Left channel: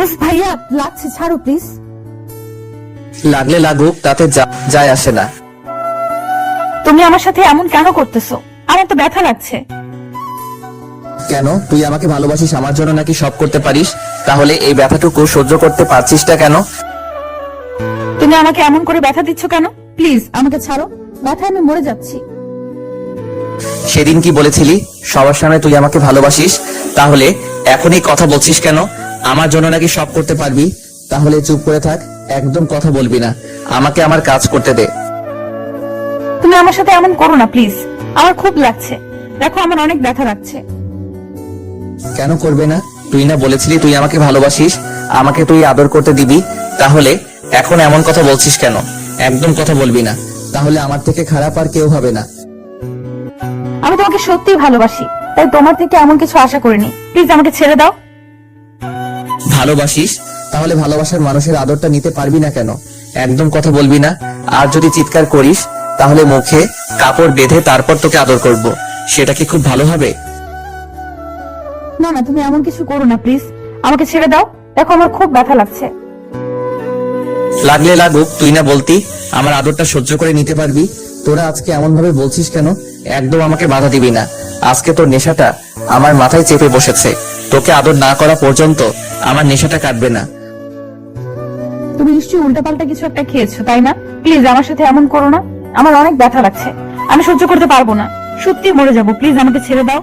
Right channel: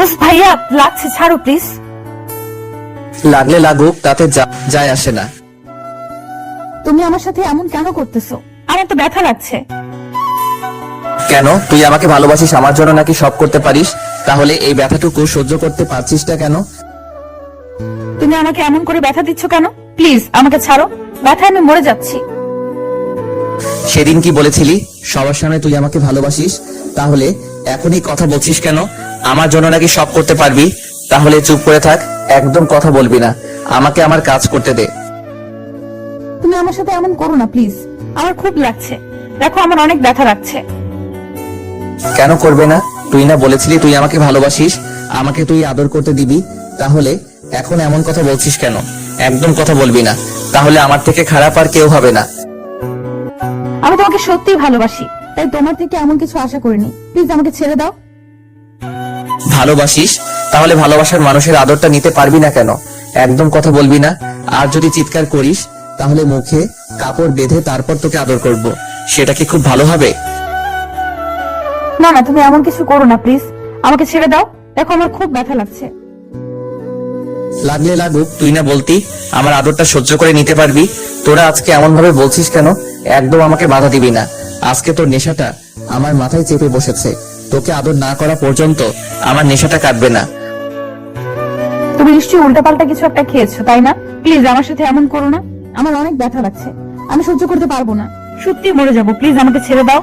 ওস ভাইয়া, লাগছে, ছাড়ো প্লিজ। লাগলে লাগুক, তাতে যায় আসে না। তুমি আমার সাথে এমন কেন করতেছো? আমার তো ব্যথা লাগছে। কেন? তুই আমাকে ভালোবাসিস, আমার জন্য নাকি সব করতে পারিস, তাহলে এই ব্যথাটুকু সহ্য করতে পারছিস না কেন? তুমি আমাকে এমন করে ব্যথা দিচ্ছ কেন? প্লিজ আমাকে ছাড়ো, ব্যথায় আমি মরে যাচ্ছি। সেদিন কি বলেছিলি সবার সামনে তুই আমাকে ভালোবাসিস, তাহলে এখনই কথা বলছিস কেন? আমার জন্য নাকি সব করতে পারবি, তাহলে চুপ করে থাক, একদম কথা বলবি না, আমাকে আমার কাজ করতে দে। তুমি আমার সাথে এমন করো না প্লিজ, আমার খুব লাগছে। দেখো আমার অনেক ব্যথা লাগছে। কেন করবে না? তুই না বলেছিলি তুই আমাকে ভালোবাসিস, আমাকে তুই আদর করতে দিবি, তাহলে এখন এমন কথা বলছিস কেন? একদম কথা বলবি না, তাহলে আমার থেকে খারাপ আর কেউ হবে না। আমি তোমাকে সত্যিই ভালোবাসি, তাই তোমার থেকে এমন কিছু আশা করিনি। প্লিজ আমাকে ছেড়ে দাও। ভালোবাসিস, তাহলে ভালোবাসার মানুষের আদরটা নিতে পারবি না কেন? একদম কথা বলবি না, আর যদি চিৎকার করিস তাহলে মুখে কাপড় বেঁধে তারপর তোকে আদর করব, সেটা কি খুব ভালো হবে? না না, তুমি এমন কিছু করো না প্লিজ, আমাকে ছেড়ে দাও। দেখো আমার খুব ব্যথা লাগছে। লাগলে লাগুক, তুই না বলতি আমার আদরটা সহ্য করে নিতে পারবি? তোরা আজকে এমন ভাবে বলছিস কেন? একদম আমাকে বাধা দিবি না, আজকে তোর নেশাটা আমার মাথায় চেপে বসেছে, তোকে আদর না করা পর্যন্ত আমার নেশাটা কাটবে না। তুমি নিশ্চয়ই উল্টাপাল্টা কিছু একটা খেয়েছো, তাই না? প্লিজ আমার সাথে এমন করো না, আমার অনেক ব্যথা লাগছে, আমি সহ্য করতে পারবো না, সত্যি মরে যাবো। প্লিজ আমাকে ছেড়ে দাও।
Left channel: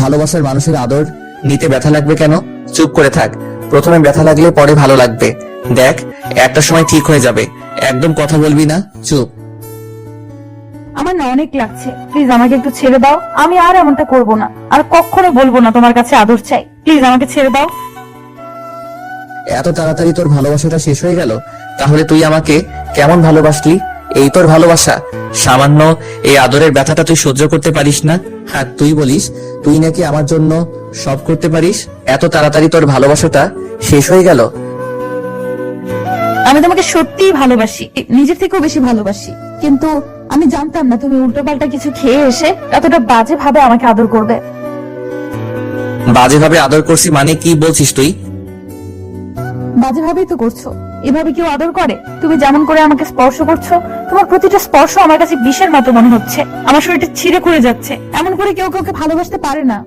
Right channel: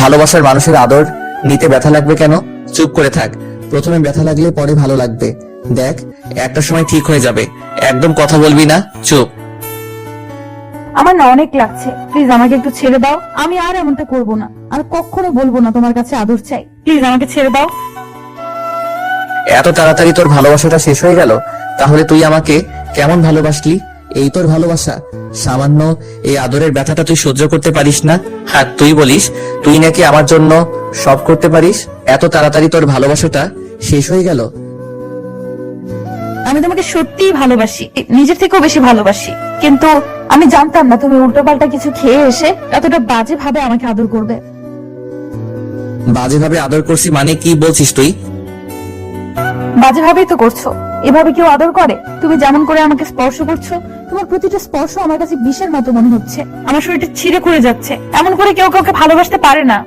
ভালোবাসার মানুষের আদর নিতে ব্যথা লাগবে কেন? চুপ করে থাক, প্রথমে ব্যথা লাগলে পরে ভালো লাগবে, দেখ একটা সময় ঠিক হয়ে যাবে। একদম কথা বলবি না, চুপ। আমার না অনেক লাগছে, প্লিজ আমাকে একটু ছেড়ে দাও। আমি আর এমনটা করবো না, আর কখনো বলবো না তোমার কাছে আদর চাই। প্লিজ আমাকে ছেড়ে দাও। এত তাড়াতাড়ি তোর ভালোবাসাটা শেষ হয়ে গেল? তাহলে তুই আমাকে কেমন ভালোবাসলি? এই তোর ভালোবাসা? সামান্য এই আদরের ব্যথাটা তুই সহ্য করতে পারিস না, আর তুই বলিস তুই নাকি আমার জন্য সব করতে পারিস? এত তাড়াতাড়ি তোর ভালোবাসাটা শেষ হয়ে গেল? আমি তোমাকে সত্যিই ভালোবাসি, নিজের থেকেও বেশি ভালোবাসি, কিন্তু আমি জানতাম না তুমি উল্টোপাল্টা কিছু খেয়ে এসে এতটা বাজে ভাবে আমাকে আদর করবে। বাজেভাবে আদর করছি মানে কি বলছিস তুই? বাজে ভাবেই তো করছো, এভাবে কেউ আদর করে? তুমি যেমন করে আমাকে স্পর্শ করছো, তোমার প্রতিটা স্পর্শ আমার কাছে বিষের মতো মনে হচ্ছে, আমার শরীরটা ছিঁড়ে করে যাচ্ছে। এমন করে কেউ কাউকে ভালোবাসতে পারে না।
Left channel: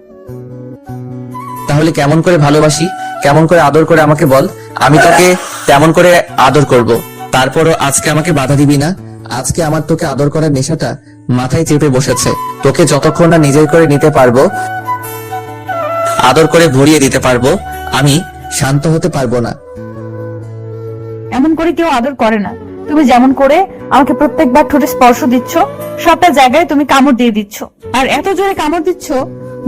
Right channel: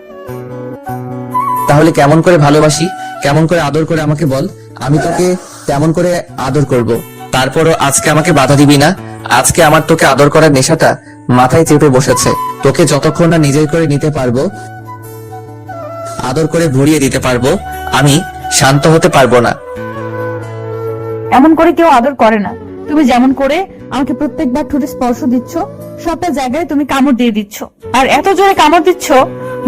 তাহলে কেমন করে ভালোবাসি, কেমন করে আদর করে আমাকে বল, আমি তোকে তেমন করে আদর করব। তারপরও আজকে আমাকে বাধা দিবি না, আজকে আমার তোকে আদর করার নেশাটা মাথায় চেপে বসেছে, তোকে যতক্ষণ না নিজেই করে নিতে পারবো, আদর করে ভরিয়ে দিতে পারবো, আমি শান্ত হতে পারবো না। এমন করে কেউ আদর করে না। তুমি যেমন করে আমাকে প্রত্যেকবার ঠোঁটে স্পর্শ দিচ্ছ, সবটা জায়গায় তুমি কামড় দিয়ে দিচ্ছ, আর এত জোরে কামড় দিচ্ছ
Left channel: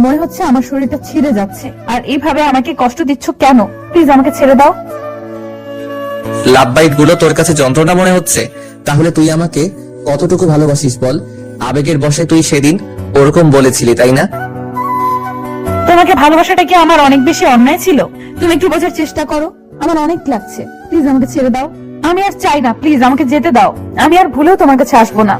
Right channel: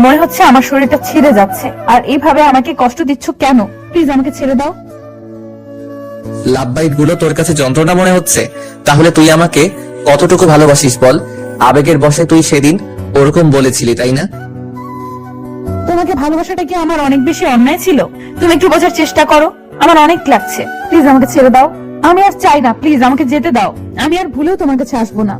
মনে হচ্ছে আমার শরীরটা ছিঁড়ে যাচ্ছে। আর এইভাবে আমাকে কষ্ট দিচ্ছ কেন? প্লিজ আমাকে ছেড়ে দাও। লাভ বাইট গুলো তোর কাছে যন্ত্রণা মনে হচ্ছে? তাহলে তুই আমাকে কতটুকু ভালোবাসিস বল? আবেগের বশে তুই সেদিন ওরকম বলেছিলি, তাই না? তোমাকে ভালোবাসাটা কি আমার অনেক বেশি অন্যায় ছিল? তুমি একটু বোঝার চেষ্টা করো, আমার অনেক লাগছে। প্লিজ আমাকে ছেড়ে দাও, আমি আর চাই না, প্লিজ আমাকে যেতে দাও। আমি আর ভুলেও তোমার কাছে আসবো না।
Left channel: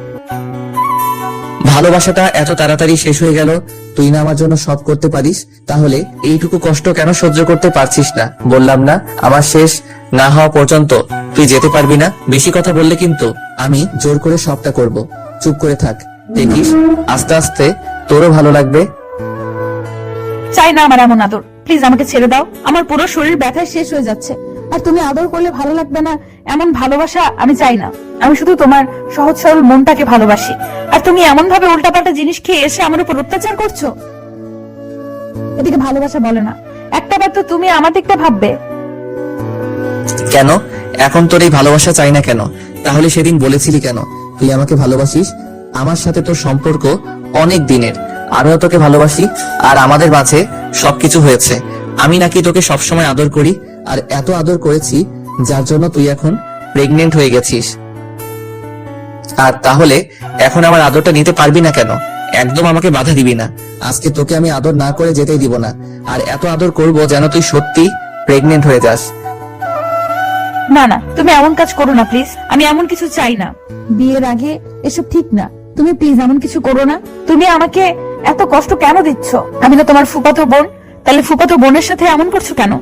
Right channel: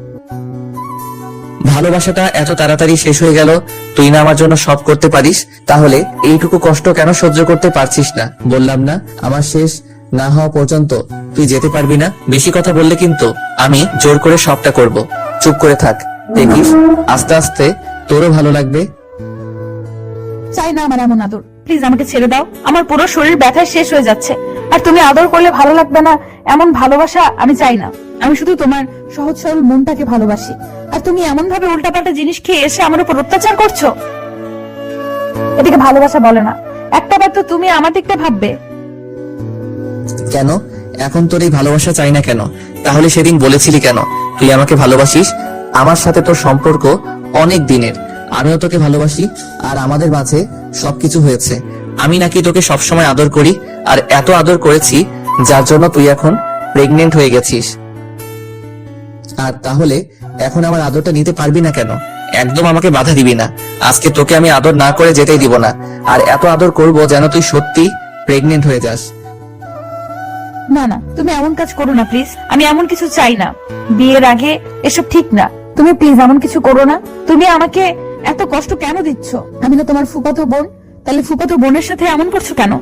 ভালোবাসাটা এত তাড়াতাড়ি শেষ হয়ে গেল? তুই না আমার জন্য সব করতে পারিস, তাহলে এইটুকু কষ্ট কেন সহ্য করতে পারছিস না? বললাম না আমার শেষ না হওয়া পর্যন্ত তুই যেতে পারবি না? বেশি কথা বললে কিন্তু আমি জোর করে সবটা করব। চুপ করে থাক, দেখিস আস্তে আস্তে তোরও ভালো লাগবে। চাই না আমার এমন আদর, প্লিজ আমাকে ছেড়ে দাও। আমার পুরো শরীর ব্যথায় শেষ হয়ে যাচ্ছে, আর তুমি আদর করলে ভালো লাগবে না এমন ভালোবাসা আমি চাই না। আমি শুধু তোমার সহজ সরল মনটাকে ভালোবাসি, আর তুমি এমন ভাবে উল্টাপাল্টা জিনিস খেয়ে এসে আমার উপর অত্যাচার করছো। এদিকে ভালোবাসা বলে না, একটাবার তো তুমি আমার দিকটা ভাববে। কেন এখন তোর এই ভালোবাসা চাই না কেন? তাহলে সেদিন বলেছিলি কেন তুই আমাকে ভালোবাসিস? আমার সাথে তোর সম্পর্ক অনেক দিনের, আমিও তোকে ভালোবাসি, আর আমাদের মাঝে সবকিছু হয়েছে। আমি নাকি তোকে সবসময় আদর করি, আর এত আদর করেছি যার জন্য তুই এখন প্রেগনেন্ট হয়ে গেছিস। আর তাহলে এখন আমার আদরটা নিতে পারবি না কেন? একদম আমাকে বাধা দিবি না, আজকে তোকে আমি আদর না করে যেতেই দিব না, আর এত আদর করব যেন তুই সত্যি প্রেগনেন্ট হয়ে যাস। না না, তুমি এমন কাজ করো না প্লিজ, আমি এমন কিছু চাই না। বিয়ের আগে এসব ঠিক না, তুমি প্লিজ এমন কিছু করো না। তুমি আমাকে এত কষ্ট কেন দিচ্ছ? আমি তো তোমার ফুফাতো বোন, তাহলে ফুফাতো বোনের সাথে এমন করছো কেন?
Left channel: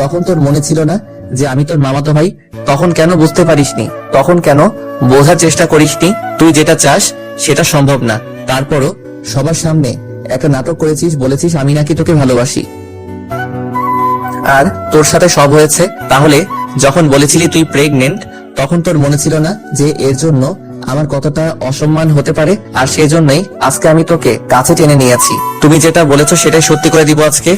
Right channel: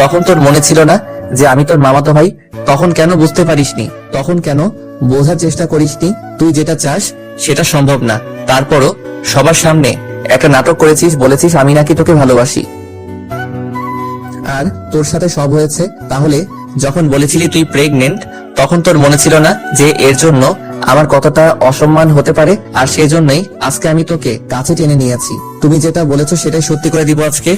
তখন তোর মনে ছিল না যে আমি তোর মামাতো ভাই? তখন কেন বুঝতে পারিসনি? তখন কেন বোঝার চেষ্টা করিসনি? তুই যেটা চাস সেটা সম্ভব না, তারপরও সবার সামনে একটা নাটক করেছিস, বলেছিস আমি নাকি তোকে ভালোবাসি। আর তোর সাথে সব হয়েছে। তাহলে যখন বলেছিলি তুই প্রেগনেন্ট, তখন তোর মনে ছিল না যে এর জন্য আমার কতটা অসম্মান হতে পারে? আর সেজন্যই আজকে আমি তোকে কাছে টেনে নিয়েছি। তুমি যেটা বলেছো সেটাই সত্যি করে দিব আজকে।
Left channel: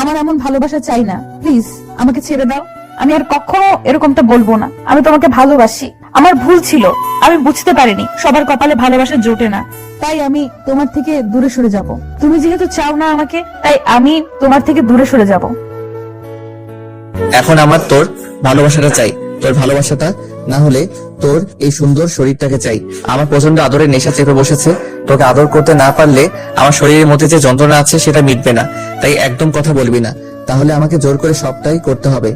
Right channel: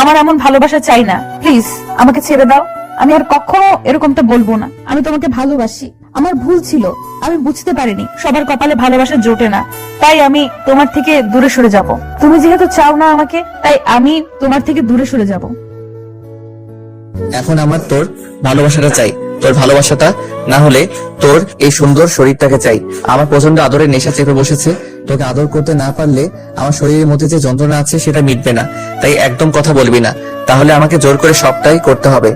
আমার এমন ভালোবাসা চাই না, প্লিজ আমাকে ছেড়ে দাও। আমি আর কখনো এরকমটা বলবো না। আমি তোমাকে ভালোবাসি, আমার ভুল ছিল, আমি বুঝতে পারিনি সবার কপালে ভালোবাসা জোটে না, তাই আমি তোমার থেকে দূরে সরে যাব। তুমি যেহেতু চাও না আমাকে, তাই আমি তোমার থেকে দূরে সরে যাব। এখন আমার তোর ভালোবাসাটা চাই, তোর ভালোবাসাটা না হলে তোর এই সুন্দর শরীরটাকে চাই। আমার প্রচন্ড আদরের নেশা চেপে বসেছে, তোকে আদর করতে না পারলে আমার শরীরের মধ্যে যে যন্ত্রণা আছে সেটা মিটবে না। তাই একদম কথা বলবি না, তাহলে আমাকে জোর করে সবটাই করতে হবে।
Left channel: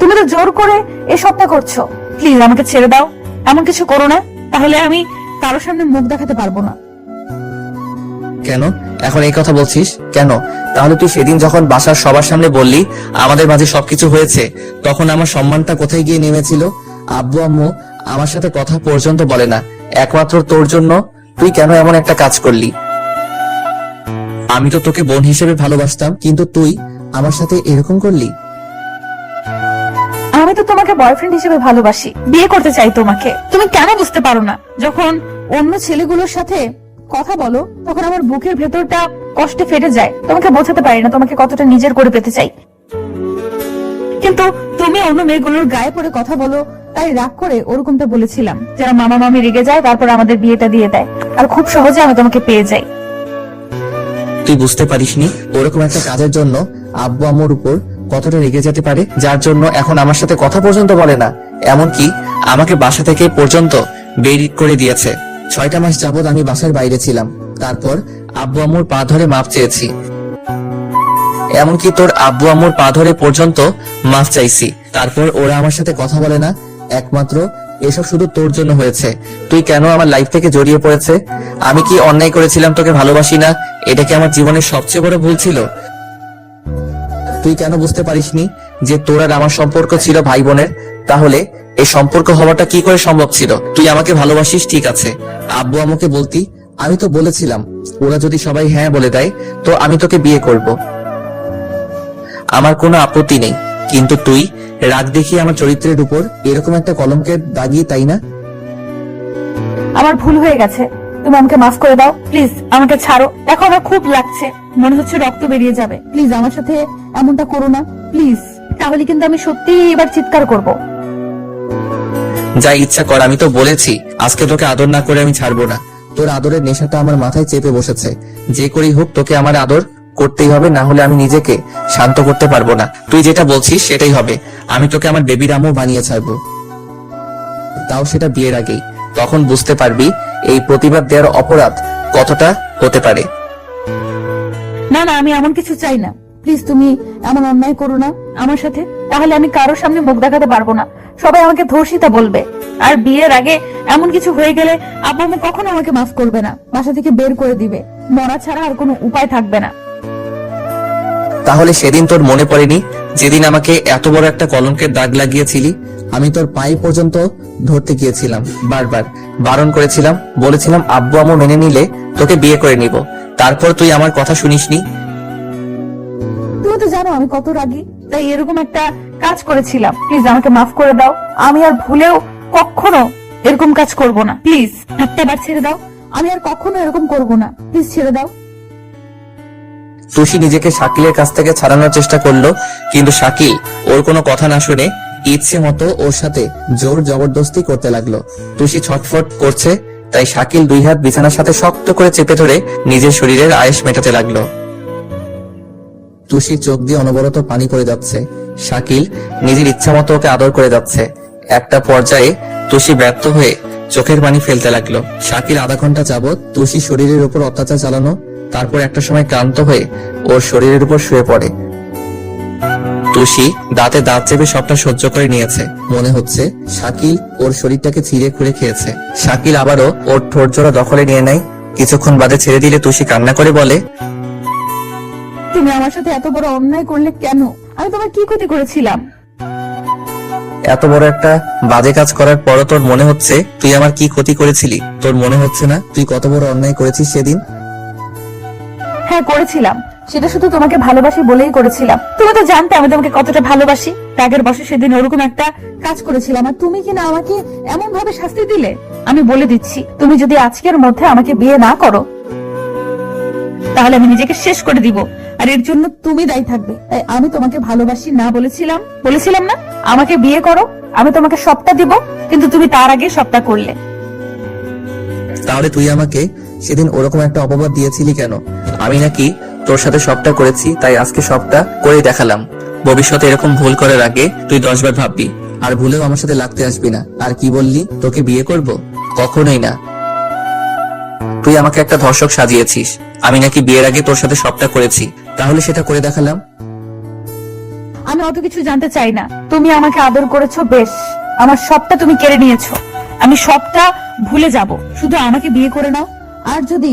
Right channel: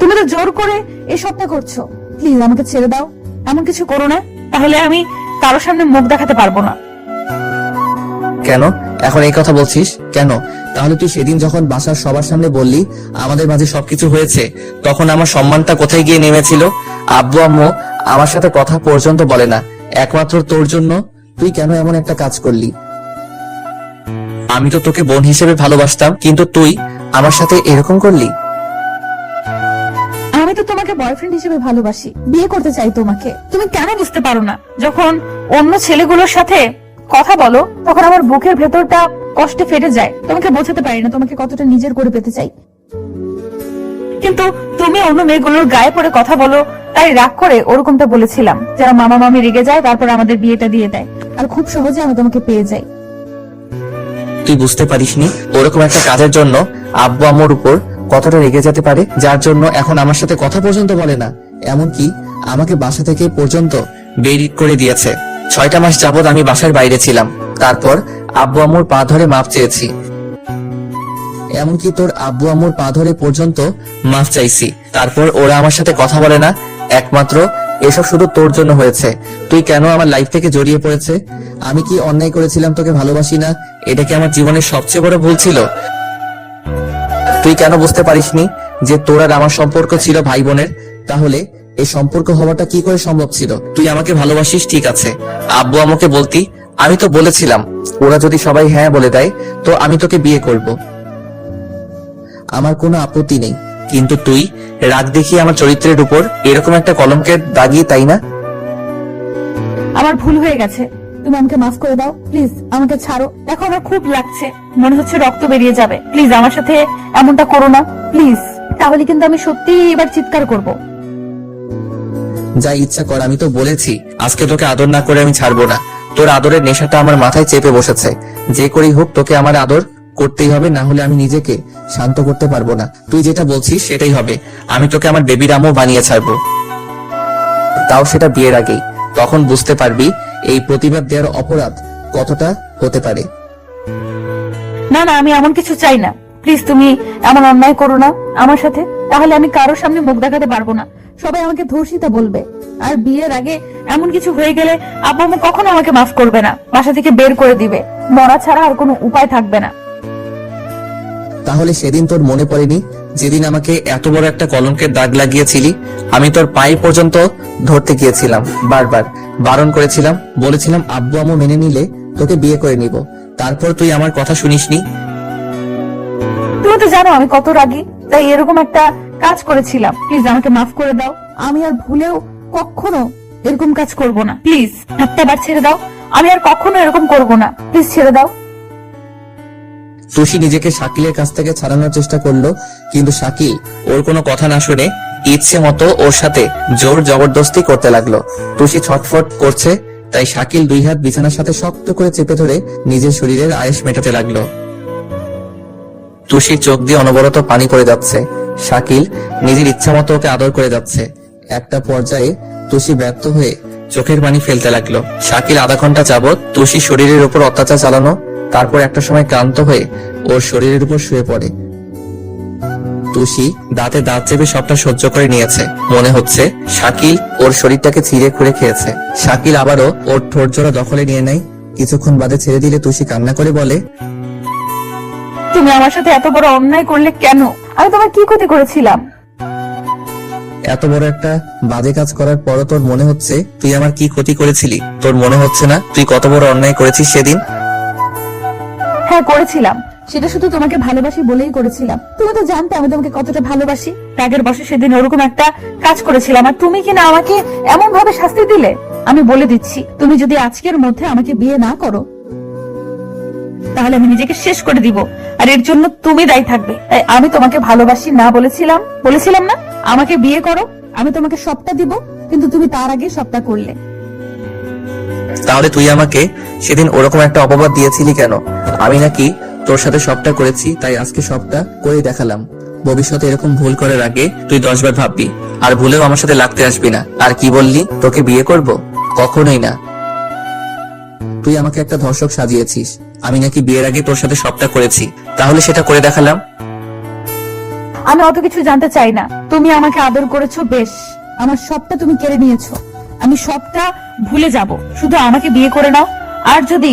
তুমি তো জোর করে এই সবটা করছো, প্লিজ আমাকে ছেড়ে দাও। এমন কিছু করো না, তাহলে আমি কারোর সামনে মুখ দেখাতে পারবো না। কেন এখন এই কথা বলছিস কেন? তাহলে তুই সেদিন যখন বাসার সবার সামনে বললি আমাদের মাঝে সবকিছু হয়েছে, তখন আমার সম্মানটা কোথায় গিয়ে নেমেছিল? আব্বু আম্মু আমার সাথে কথা পর্যন্ত বলে না, একমাত্র তোর জন্য। তুই কেন এমন একটা কাজ করলি? আমি তো তোকে বোন হিসেবে ভালোবাসতাম, কিন্তু তুই আমার সাথে এরকম করলি। আমি তো তোমাকে বয়ফ্রেন্ড হিসেবে ভালোবাসি, বিয়ে করতে চাই তোমাকে। তুমি কেন বুঝতে পারো না? যখন অন্য ছেলেগুলোর সাথে কথা বলো তখন আমার বুকের ভেতরটা কষ্টে ফেটে যায়। তোমাকে বোঝাতে পারি না তোমাকে কতটা নিজের করে পেতে চাই। কিন্তু তুমি অন্য মেয়েগুলোর গায়ে পড়ে কথা বলো, তাই রাগ করে ওরকমটা বলেছিলাম, যারা মামা মামি রেগে যায় তারপর আমাদের বিয়েটা দিয়ে দেয়, আর খুব সহজে আমি তোমাকে পেয়ে যাই। তুই বুঝতে পারিসনি ওরকম একটা কাজের জন্য আব্বু আম্মুর উপর কতটা রেগে যেতে পারে, যার জন্য এখন আমার সাথে কথা পর্যন্ত বলে না। এমনকি আমাকে বাসা থেকে পর্যন্ত বের করে দিয়েছে। 6টা মাস যাবৎ আমি বাসার বাইরে ছিলাম, তারপর আব্বু আম্মুর পা ধরে মাপ চেয়েছি। এমনকি তোর আব্বু আম্মুর পা ধরে পর্যন্ত মাপ চাইছি, তারপর ওরা আমার সাথে কথা বলে না। একমাত্র এসব শুধু তোর জন্য হয়েছে। তুই কেন আমার লাইফ থেকে জড়িয়ে পড়েছে? আমি কি অন্যায় করেছিলাম তোকে ভালোবাসি না? এটা কি আমার জীবনের সবচেয়ে বড় ভুল ছিল? তুই কেন বুঝতে পারিসনি যে তোর আর আমার সম্পর্ক ছিল ভাই বোনের? তাহলে এই সম্পর্ক হওয়াটা কি করে সম্ভব ছিল? তুই আমাকে ভালোবাসিস ঠিক আছে, আব্বু আমাকে বলতি, আমি তো বলেছিলাম ওরা যদি সবাই হ্যাঁ বলে দেয় তো আমি তোকে বিয়ে করব, আমার কোনো আপত্তি নেই। কিন্তু তুই রাগ দেখিয়ে আমার চরিত্রের উপর এরকম একটা কলঙ্কের দাগিয়ে, তাই না? আমার ভুল হয়ে গেছে, তুমি আমাকে মাফ করে দাও, প্লিজ আমাকে ছাড়ো। দেখো আমার খুব লাগছে, মনে হচ্ছে রক্ত বেরিয়ে যাবে। প্লিজ আমার সাথে এমনটা করো না, প্লিজ। তাহলে কিন্তু আমি সত্যি এবার চিৎকার করব। যা ইচ্ছা কর, আমি তো বলেছি আজকে তোকে আদর না করে আমি ছাড়বো না। তোর আদরের নেশাটা আমার মাথায় চেপে বসেছে। যে করেই হোক তোকে আমার আদর করতেই হবে, না হলে আমি নিজেকে শান্ত করতে পারবো না। তুই যেটা বলছিস সেটাই হবে, আমি তোকে আমার বেবি রামও বানিয়ে ছাড়বো, তাও সেটা বিয়ের আগেই। তখন বুঝতে পারবি এই প্রতিবাদ দেওয়ার অপরাধ কতটা হতে পারে। না না, আমি এমন কিছু চাই না, প্লিজ তুমি এমন অন্যায় করো না আমার সাথে, তাহলে আমি কারোর সামনে মুখ দেখাতে পারবো না। সবাই আমাকে ধর্ষিতা বলবে, আর বিয়ের আগে এমন কিছু হয়ে গেলে আব্বু আম্মু কখনো আমাকে মাফ করবে না, বাসা থেকে বের করে দিবে। মরা ছাড়া আর কোনো উপায় থাকবে না। তাহলে সেদিন তোর মনে পড়েনি যেদিন আমাকে এত বড় একটা কলঙ্কের দাগ লাগিয়েছিলি? আমি তোর পায়ে পর্যন্ত ধরতে গিয়েছিলাম, বারবার বারণ করেছিলাম, বলেছিলাম আব্বু আম্মু মেনে নিলে তোকে বিয়ে করে নিব। তারপর তুই আমার কথা শুনিসনি। তুমি তো জানো আমি কত রাগী, তাই এরকম একটা কাজ করেছিলাম। প্লিজ আমাকে মাফ করে দাও, আমি আর ভুলেও কখনো এরকম কাজ করব না। প্লিজ একটা বার ছেড়ে দাও, আমি আর কখনো এরকম করব না। প্লিজ ছেড়ে দাও। তুষি নিজেকে শাকিলের কাছ থেকে ছাড়ানোর চেষ্টা করলো, কিন্তু শাকিল ওর কোনো কথা না শুনে ইচ্ছে মতো ওর সাথে জোর জবরদস্তি করতে লাগলো। তুষি ছটফট করছে, তাই শাকিল 2 হাত বিছানার সাথে শক্ত করে চেপে ধরে নিজের শরীরের আয়েশ মেটাতে লাগলো। তুষির চোখ দিয়ে অনবরত পানি পড়ে যাচ্ছে। শাকিল নিজের ইচ্ছা মতো ওকে আদর করে যাচ্ছে। একটা পর্যায়ে তুষি ব্যর্থ হয়ে চোখের পানি ফেলতে লাগলো। শাকিল আধা ঘন্টা যাবৎ তুষি শরীরের উপর অত্যাচার চালানো, তারপর একটা সময় ক্লান্ত হয়ে ওর শরীরের উপর শুয়ে পড়ে। তুষি দাঁতে দাঁত চেপে সবটা সহ্য করে নিয়েছে। মনে হচ্ছে শাকিল ওর শরীরটাকে ছিঁড়ে খুঁড়ে খেয়েছে। শাকিল আবারও ওর ঠোঁট জোড়া দখলে নিয়ে নেয়। কিছুক্ষণ বাদে ছেড়ে দিলে তুষি কান্না করে বলে, তুমি আমার সাথে এত বড় অন্যায় করলে কেন? আমি তোমার কি ক্ষতি করেছিলাম? এত বড় একটা বাজে কাজ করার পরও তোর মনে হচ্ছে তুই আমার কি ক্ষতি করেছিলি? তোর মনে হচ্ছে না তুই কত বড় অন্যায় করেছিস সেদিন? হ্যাঁ করেছিলাম, সেটা শুধু তোমাকে ভালোবাসি বলেই করেছিলাম। তুমি তো জানতে আমি তোমাকে কতটা ভালোবাসি। রাগের বসে সেদিন ওরকম একটা কাজ করেছিলাম, আর তুমি কিনা আমাকে এমন ভাবে শাস্তি দিলে। আমি বলে দিচ্ছি, তুমি যদি আজকের মধ্যে আমাকে বিয়ে না করো তাহলে আমি নিজেকে শেষ করে দিব, আর এর জন্য তুমি দায়ী থাকবে। তাই আমি তোমাকে ভালোবাসি না বলেছিলাম না আমাকে বিয়ে করো, আমি তোমাকে সবটা দিব, কিন্তু তুমি তার আগে সবটা করলে। তাহলে তুই আমাকে সেদিন ওরকম একটা অপবাদ দিয়েছিলি কেন? আমি নাকি তোর সাথে সবটা করেছি, তাই আজকে সবটা করে দেখালাম। ভবিষ্যতে এরকম ভুল করার আগে তুই 10 বার ভাববি, আর ভুলেও আমার সাথে লাগতে আসবি না। আর কি বললি, তোকে বিয়ে করব? কখনোই না। তুই আমাকে একটা ধর্ষক সাজিয়েছিস। আমি নাকি বিয়ের আগে তোর সাথে সবটা করেছি, তাহলে সেটা করে দেখালাম। আমি অত কিছু জানতে চাই না। তুমি আমাকে আদর করেছো, বেশ, আমার সবটা তুমি কেড়ে নিয়েছো। আমি সবটা ভুলে যাব, শুধু আমাকে বিয়ে করে নাও। আর যদি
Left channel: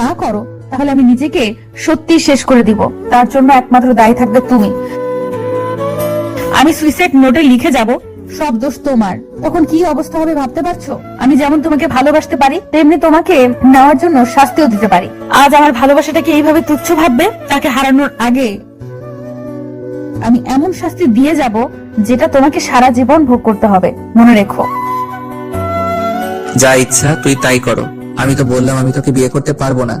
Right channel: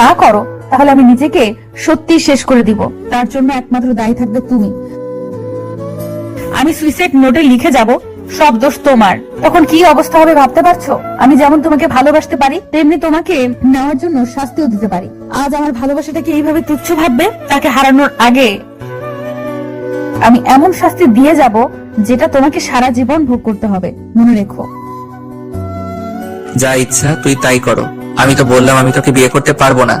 না করো তাহলে আমি নিজেকে সত্যি শেষ করে দিব। তার জন্য একমাত্র দায়ী থাকবে তুমি। আমি সুইসাইড নোটে লিখে যাব, সব দোষ তোমার। তখন কি অবস্থা হবে ভাবতে পারছো? আমি যেমন তোমাকে ভালোবাসতে পারি, তেমনি তোমাকে নেওয়ার জন্য শাস্তিও দিতে পারি। আজ আমার ভালোবাসাটাকে এইভাবে তুচ্ছ ভাববে, তাকে হারানোর আগে আমি এমন শাস্তি দিয়ে যাব যেটা তোমাকে সারা জীবন ভোগ করতে হবে, মনে রেখো। যা ইচ্ছা তুই তাই করো। আমি তো বললাম আমি তোকে বিয়ে করতে পারবো না।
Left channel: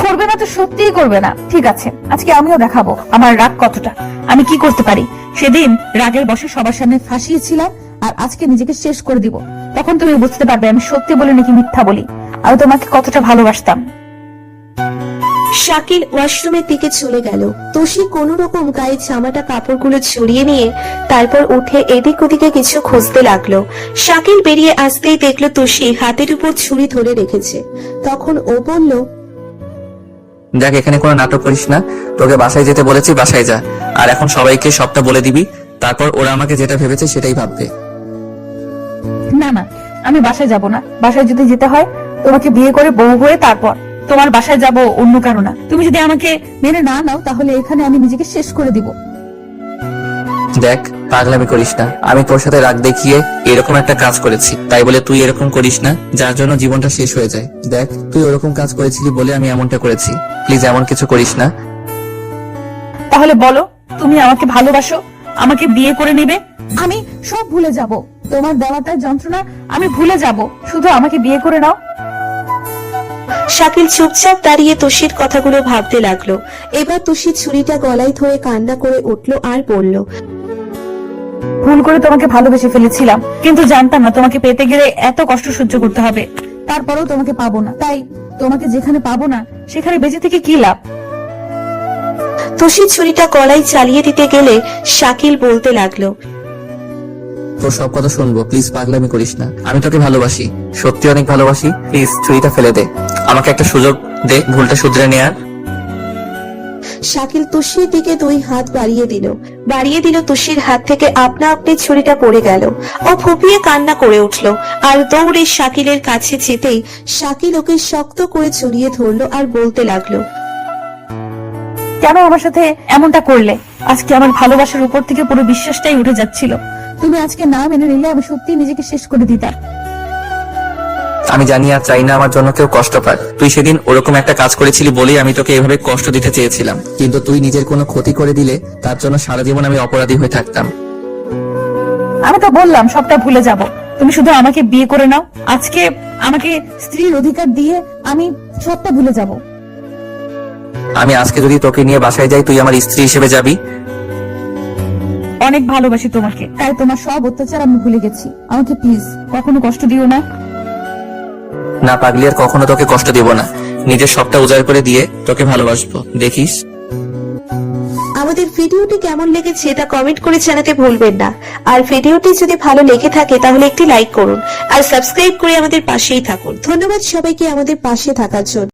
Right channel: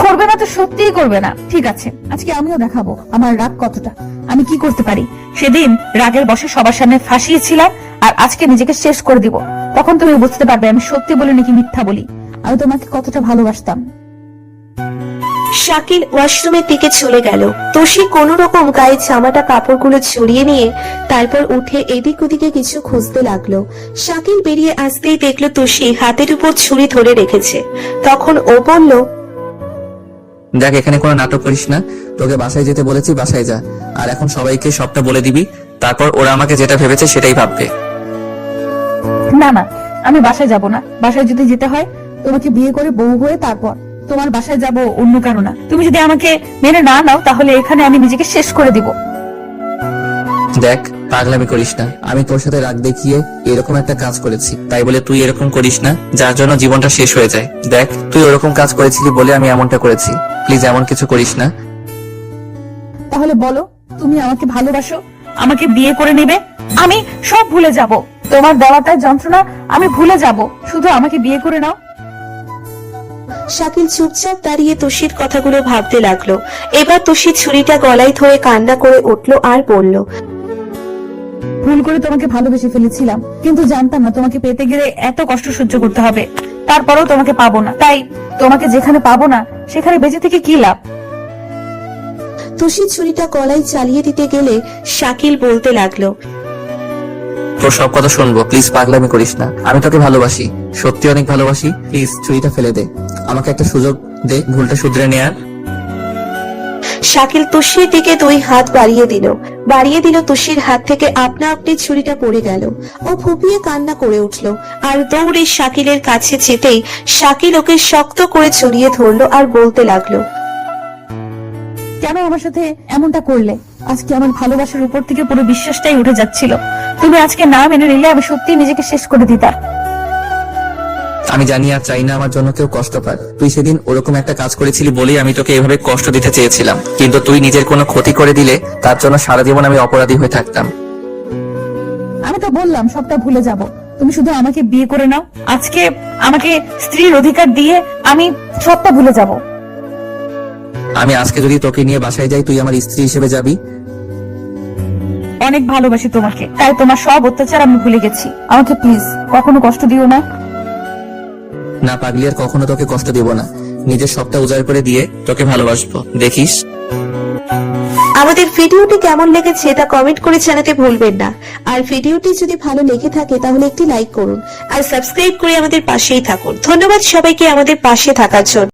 করবে না তো সত্যিই করবে না। ঠিক আছে, আজকে আমিও দেখাবো আমার রাগ কতটা, আমি কি করতে পারি। সেদিন রাগের বশে সবার সামনে ফাঁসিয়েছিলাম, আর আজকে নিজেকে শেষ করে দিব। তখন তুমি বুঝতে পারবে আমি সত্যি বলি নাকি মিথ্যা বলি, আমি তোমাকে কতটা ভালোবাসতাম। শাকিল ওয়াশরুমের দিকে চলে গেল। তুষি কোন রকম গায়ে জামাটা কাপড়গুলো ছড়িয়ে নিয়ে তারপর উঠে এদিক ওদিকে কিছু খুঁজতে লাগলো। শাকিল বেরিয়ে আসতেই দেখলো তুষি হাতের উপর ছুরি ধরে রেখেছে। তখন ও বলল, দেখ, এখানে কোনো নাটক করিস না। তোকে বাসায় যেতে বলেছি, বাসায় যা। আর এখন সবাইকে সবটা বলে দিবি, তারপর ওরা আমাকে যেটা ভেবেছে সেটাই ভাববে। না না, আমি বাসায় যাব না। বাসায় যদি যেতে হয় তোমাকে বিয়ে করে বউ হয়ে তারপর তোমার বাসায় যাব, অন্য কারো না। তুমি যদি আমাকে মেনে না নাও তাহলে এখানে আমি নিজেকে শেষ করে দিব। দেখ, পাগলামি করিস না। আমি তোর সাথে রাগ দেখিয়ে এরকম একটা কাজ করেছি, তাই বলে তুই এরকম করিস না যার জন্য জীবনটা শেষ হয়ে যায়। দেখ, তুই ওরকম কাজ করেছিলি বলে আমি এমনটা করেছি। প্লিজ এমন কিছু করিস না। তাহলে বলো, তুমি আমাকে ভালোবাসো, আমাকে বিয়ে করে নেবে? আমি সব ভুলে যাব, তোমার দেওয়াটায় যন্ত্রণা আমি ভুলে যাব, শুধু আমাকে বিয়ে করে নাও। শাকিল চুপচাপ দাঁড়িয়ে তুষির কথাগুলো ভাবতে লাগলো। এবার তুষি ছুরিটা গলায় ধরে কান্না করে উঠলো আর বলল, ভুল করে তোমাকে ভালোবেসে ফেলেছিলাম, কিন্তু জানতাম না তোমাকে পেতে গেলে এত কষ্ট সহ্য করতে হবে। তারপরেও তোমাকে পাবো না, তাই তোমাকে যেখানে পাবো না সেখানে বেঁচে থেকে কি লাভ। তুষি ছুরিটা গলায় চালিয়ে দিতে গেলে শাকিল বলতে লাগলো, তোর সব কথা শুনবো, প্লিজ পাগলামি করিস না। আমি তোকে ভালোবাসি, সত্যি অনেক ভালোবাসি। প্লিজ ছুরিটা ফেলে দে, আমাকে একটা সুযোগ দে ভুলটা শুধরে নেয়ার। শাকিল তুষির দিকে 2 হাত বাড়িয়ে দিল। তুষির হাত থেকে আপনা আপনি ছুরিটা পড়ে গেল। ও ফুপিয়ে কান্না করে উঠল আর দৌড়ে শাকিলের কাছে যেতেই শাকিল ওকে শক্ত করে জড়িয়ে ধরলো আর বলতে লাগলো, কেন আমার সাথে এমনটা করলে? আজকে আমার ভালোবাসার উপর থেকে পুরো বিশ্বাসটাই উঠে যাচ্ছিল। তুমি আজকে না মেনে নিলে আমি সত্যি নিজেকে শেষ করে দিতাম। আমি জানি আর চাই না আমার জন্য কেউ কষ্ট পাক। তুই সেদিন ওরকম একটা কাজ করেছিলি বলেই আমি তোকে এভাবে কষ্ট দিতে চেয়েছিলাম, কিন্তু তুই নিজের কোনো ক্ষতি করে দিলে তার জন্য সারা জীবন আমি অপরাধী হয়ে থাকতাম। আমি তো বললাম সবটা ভুলে যাব, তুমি শুধু আমাকে বিয়ে করে নাও। আজকে আমাকে স্ত্রীর অধিকার দিয়ে আমি সবটা ভুলে যাব। আমি আজকে যদি তোকে নিয়ে বাসায় যাই, তুই আমার স্ত্রী হিসেবে যাবি? অনেক ভালোবাসি তোমাকে, তাই তোমার সব অত্যাচার আমি ভুলে গেছি। আমাকে প্লিজ কখনো কষ্ট দিও না। না পাগলি, আর কখনো তোকে কষ্ট দিব না। নিজের সবটা উজাড় করে দিয়ে তোকে ভালোবাসবো, দেখিস। আমাদের ভিডিওটি কেমন লেগেছে তা কমেন্ট করে জানাতে ভুলবেন না। আর ভিডিওটি যদি ভালো লেগে থাকে তাহলে একটি লাইক করুন আর সাবস্ক্রাইব করে আমাদের পাশেই থাকুন। ধন্যবাদ সবাইকে আমাদের পাশে থাকার জন্য।